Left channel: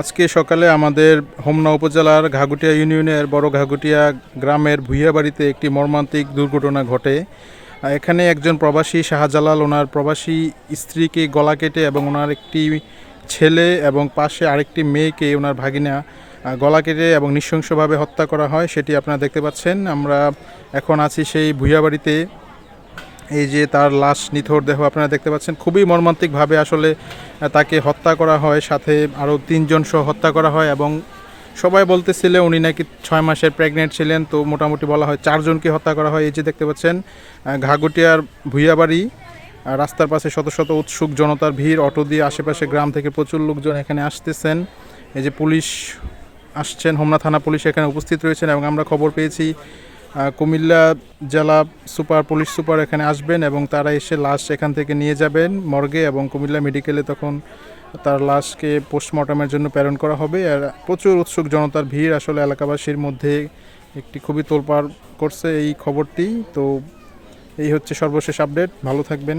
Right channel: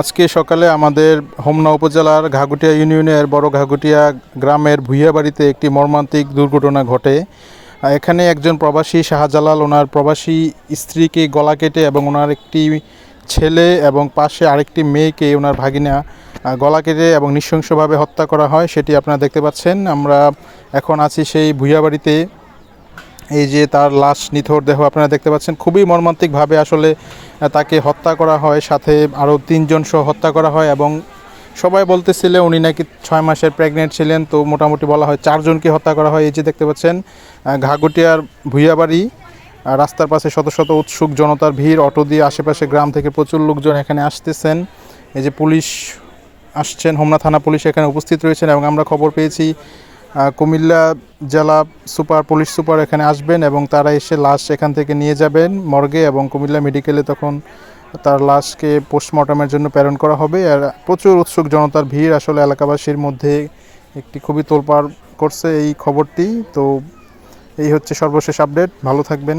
আজকে সকালে আমাদের হোমনা উপজেলার ঘাগুটিয়া ইউনিয়নের বড় ঘাগুটিয়া গ্রামের ভুইয়া বাড়িতে একটি মর্মান্তিক দুর্ঘটনা ঘটে। এখানে একজন প্রবাসী শাহজালাল, ওনার প্রবাসী স্ত্রীকে গলা কেটে এবং ওনার একটি ছেলে এবং পাশে আরেকটি মেয়েকে ওনার ভাগিনা গলা কেটে এবং নৃশংসভাবে হত্যা করা হয়, সেটি আপনারা দেখতে পাচ্ছেন। আমরা এখন আছি সেই ভুইয়া বাড়িতে এই যে তার লাশ নিথর দেহ আপনারা দেখতে পাচ্ছেন, খুবই মর্মান্তিকভাবে আসলে তাকে হত্যা করা হয়, সাথে আরও তিনজন সহ হত্যা করা হয় এবং সবাই বলতেছিল উনি নাকি ছয় মাসের প্রেগনেন্ট ছিলেন, তো মোটামুটি বলা হয় চারজনকে হত্যা করা হয়। এই যে দেখতে পাচ্ছেন ঘাগুটিয়ার ভুইয়াবাড়ি রাস্তার পাশে শত শত উৎসুক জনতার ভিড়, অটো দিয়ে আশেপাশে গ্রাম থেকে প্রচুর লোকজন এখানে আসতেছেন। এই যে পুলিশ আসছেন, হোমনা থানা পুলিশ এখানে উপস্থিত রয়েছেন এবং আমরা খবর পেয়েছি কুমিল্লা জেলা সুপার, পুলিশ সুপার এখানে আসবেন এবং তারা এসে লাশ এখান থেকে নিয়ে যাবেন মর্গে এবং কুমিল্লা মেডিকেলে তখন তার লাশকে পোস্টমর্টমের জন্য প্রেরণ করা হবে। আর প্রচুর উৎসুক জনতার ভিড় আসলে এলাকাবাসীর মধ্যে একটি খুবই তোলপাড় করছে এই খবরটি। তো এই হচ্ছে সর্বশেষ আপডেট। ভালো থাকবেন।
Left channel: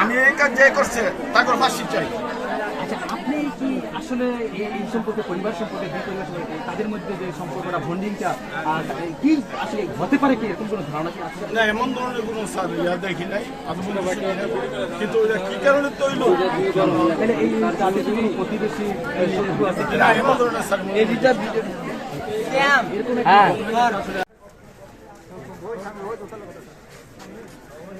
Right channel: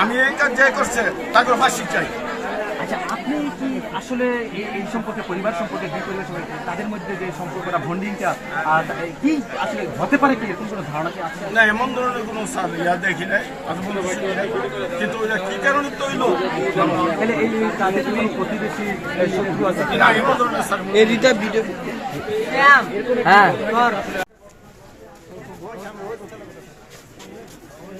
আমি এই কাজ যে করছে তাকে ফাঁসি চাই। আচ্ছা আপনি কি আসলে এই এই সম্পর্কে পরিবার সম্পর্কে দুই পরিবার সম্পর্কে তাদের মধ্যে যে সম্পর্কটা বন্ডিংটা আর কি আসলে হতে পারে কি? এরকম কোনো ধারণা কি আছে? না এমন ধরনের কোনো ইয়া দেখি নাই কিন্তু ওইটা কি কারণে তৈল? তাহলে এই তাদের কি কোনো প্রতিবেশী শত্রু আছে? হ্যাঁ